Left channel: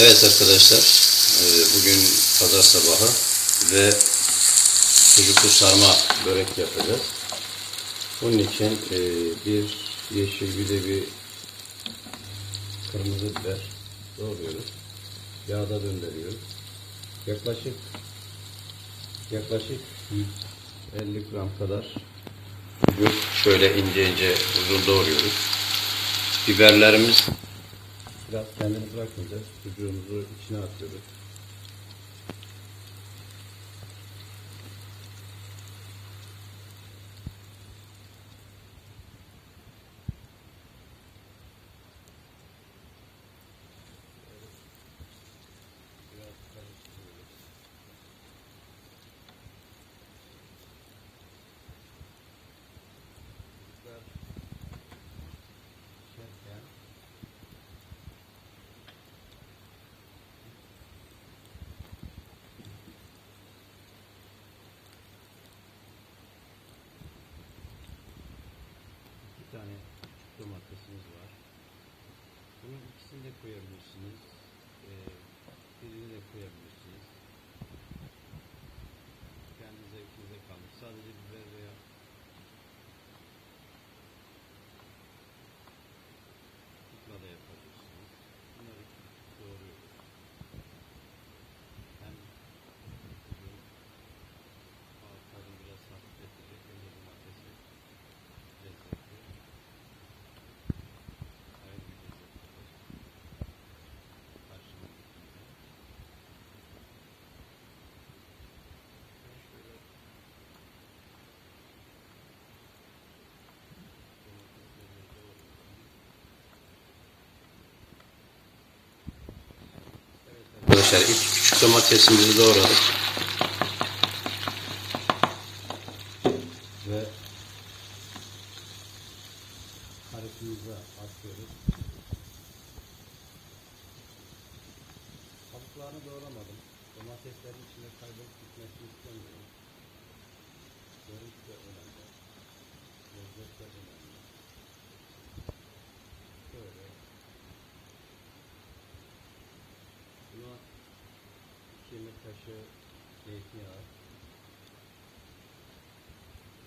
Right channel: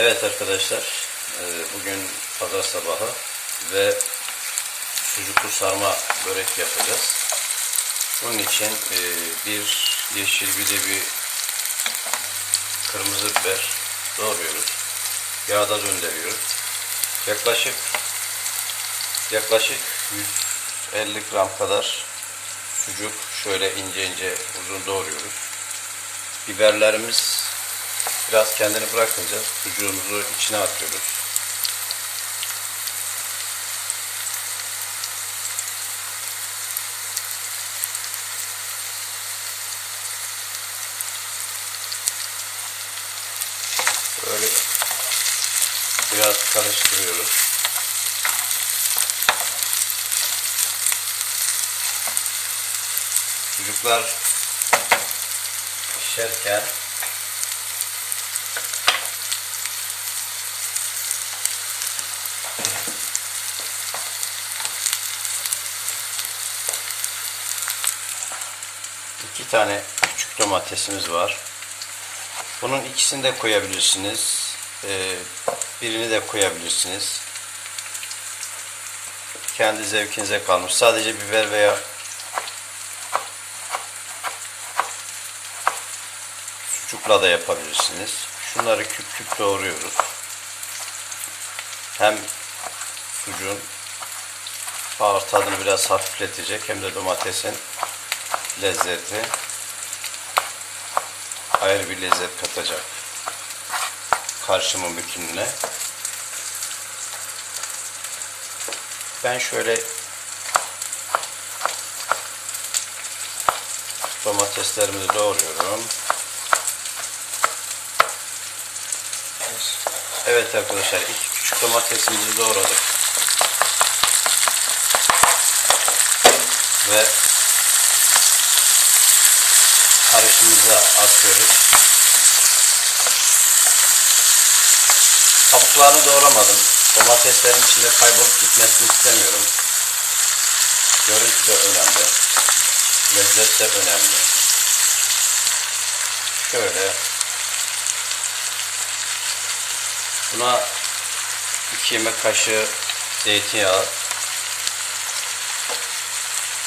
Evet arkadaşlar, e, bugün pazar sabahı ve sucuklu sarma börek yapacağız. Bunun için e, bir yeşil bir de bir kırmızı biber doğruyoruz. Yağda döndürüyoruz. Yaklaşık yaklaşık 150 gram kadar sucuk şöyle ince ince uzun doğruyoruz. Biberlerimiz Biraz kendini bırakınca sucuğumuzu içine atıyoruz. Böyle biraz karıştırıyoruz. Sucuklar pişerken İki tane küçük domatesimiz var. Bunun ikisini de koyabilirsiniz. Ee, birini de koyabilirsiniz. Kendi zevkinize kalmış. Sadece biber veya sucukla da yapabilirsiniz. Şunları küp küp doğruyoruz. Hem sucuğun ağır tadını biraz hafifletecek hem de domatesin lezzeti ayrı bir lezzet katacak karşımın bütününe. Ben şöyle domateslerimizi doğruyorum. Evet arkadaşlar iki küçük domatesimizi doğradık. Ve karışımıza atıyoruz. Kabuklarını doğramadım. Domateslerin içinde kaybolup gitmesini istemiyorum. Görüntü de önemli. Lezzet de önemli. Şöyle. Buna 2 yemek kaşığı zeytinyağı,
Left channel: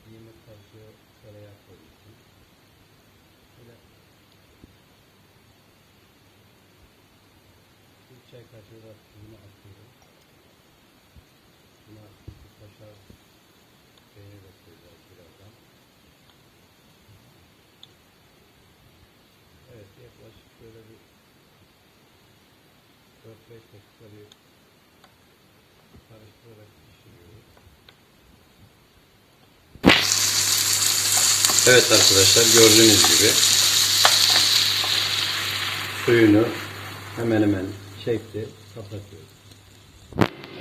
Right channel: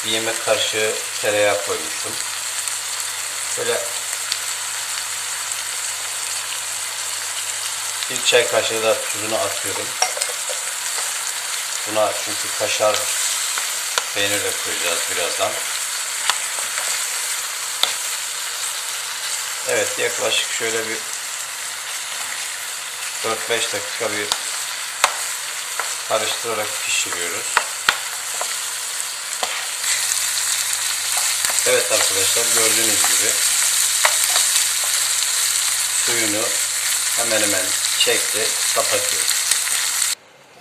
bir yemek kaşığı tereyağı koymuştum. Böyle bir çay kaşığı da tuzunu atıyorum. Buna çünkü kaşar peynir de koyacağız birazdan. Evet yaklaşık şöyle bir 4-5 dakika bir karıştırarak pişiriyoruz. Evet arkadaşlar gördüğünüz gibi suyunu hemen hemen çekti kapatıyoruz.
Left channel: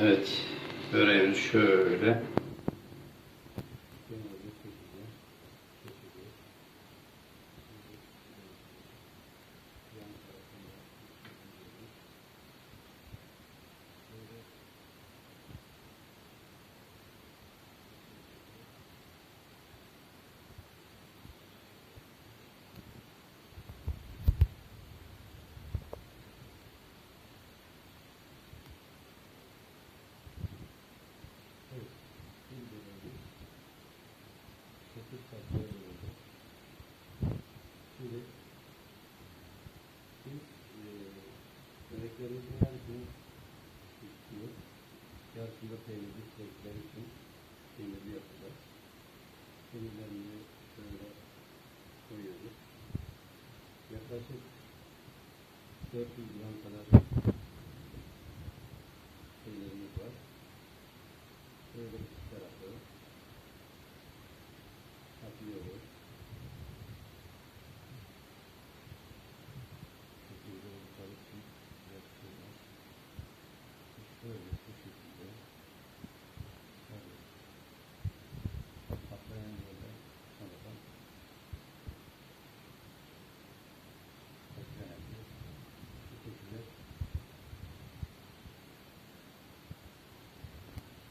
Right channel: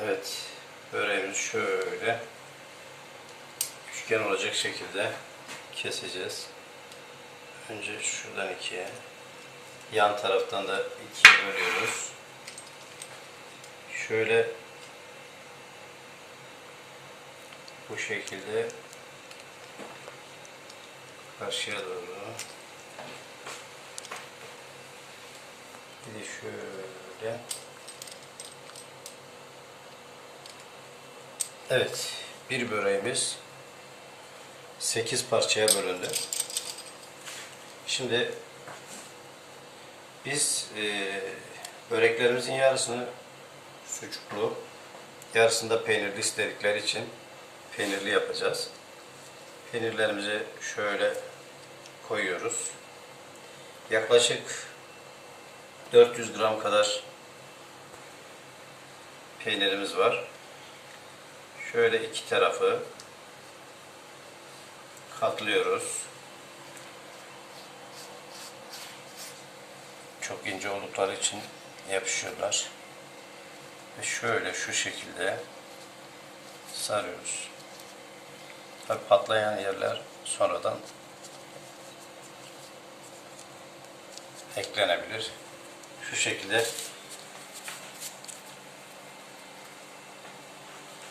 Evet böreğimizi şöyle üçgen olacak şekilde keseceğiz. Önce şuradan ikiye yan taraftan da ikiye bölüyoruz. Şöyle bu şekilde karşıya doğru. Bir de şöyle. Evet, bir böreğimiz 8 parçaya bölündü. Şimdi biz e, böreklerimizin yarısını sucuklu, yarısını da peynirli istedikleri için peynirli yapacağız. Peynirlerimizi şöyle koyuyoruz. Yaklaşık 400 gram kadar peynirimiz var. Şöyle iki tarafı katlıyoruz. Çok ince oldukları için yapışıyorlar. Ve şöyle şu şekilde sarıyoruz. Tabii patlayan yerler sonradan eklenebilir. Şu şekilde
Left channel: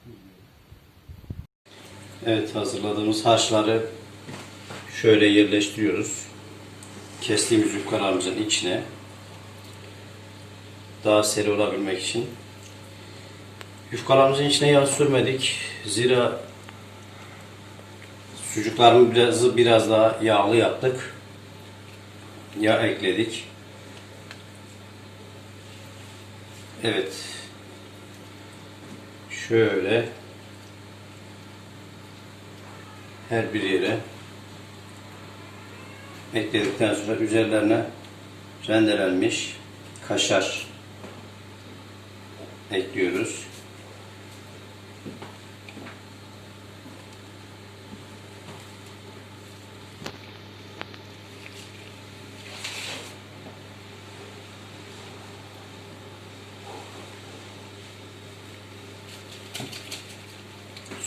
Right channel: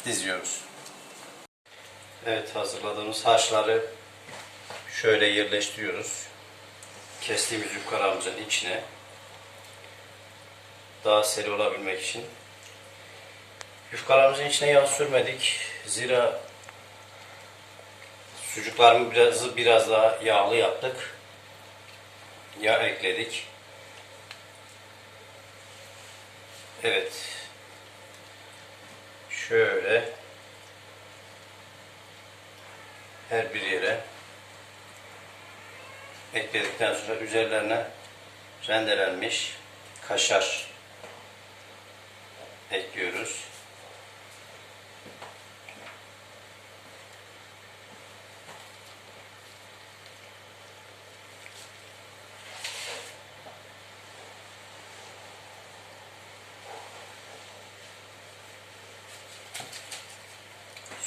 diziyoruz. Evet hazırladığımız haşları şöyle yerleştiriyoruz. Kestiğimiz yukarımızın içine daha seri olabilmek için. Yufkalarımızın içine yağ sürmedik. Zira sucuklarımı biraz, biraz daha yağlı yaptık. Yağ ekledik. Evet. Şöyle her bir yere ekledikten sonra üzerlerine rendelenmiş kaşar ekliyoruz.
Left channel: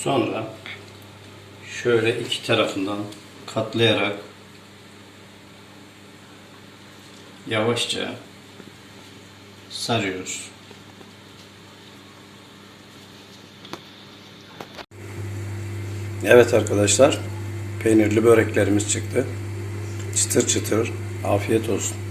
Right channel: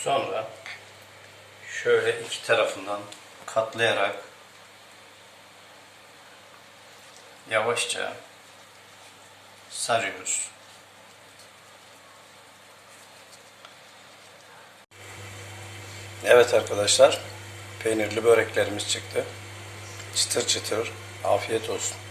Sonra şöyle iki tarafından katlayarak yavaşça sarıyoruz. Evet arkadaşlar, peynirli böreklerimiz çıktı. Çıtır çıtır, afiyet olsun.